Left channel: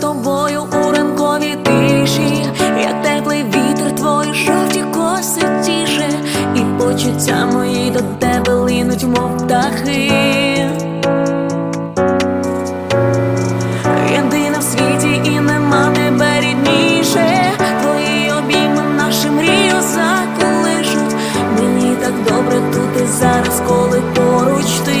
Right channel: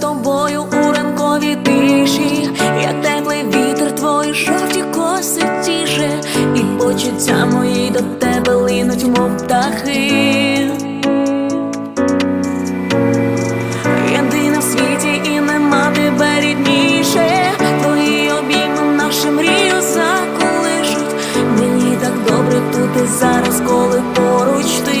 тобою у ранковій тиші, як теплий вітер, твої жовті коси тіше, і почуття мої до тебе линуть, мов птахи. Єдина в світі і нема тебе рідніше. Твої обійми наші мрію заколишуть. Мені так добре тут і зараз, коли поруч ти.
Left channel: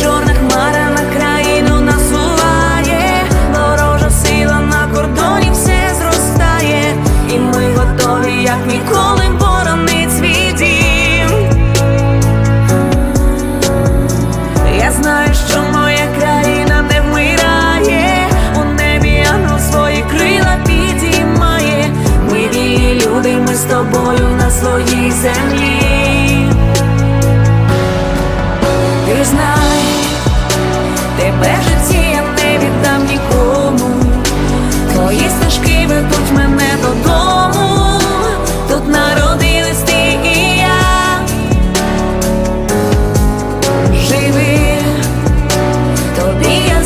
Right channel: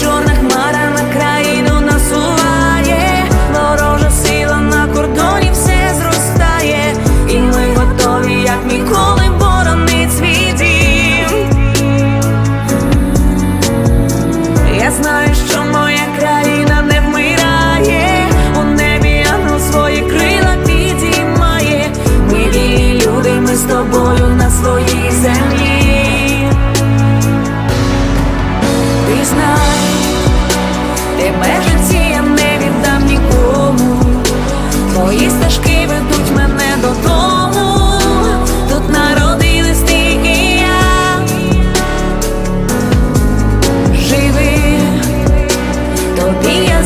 чорна хмара на країну насуває, ворожа сила на кордоні все зростає, і ми готові, як ніколи, боронить свій. Я знаю, що моя країна не вмирає, у небі ангел свої крила підіймає. Ми люди, ми з тобою на своїй землі. Знай, тебе в житті я не віддам нікому. Твої стежки ведуть мене додому. Тут народились ти і я. Живи, тобі я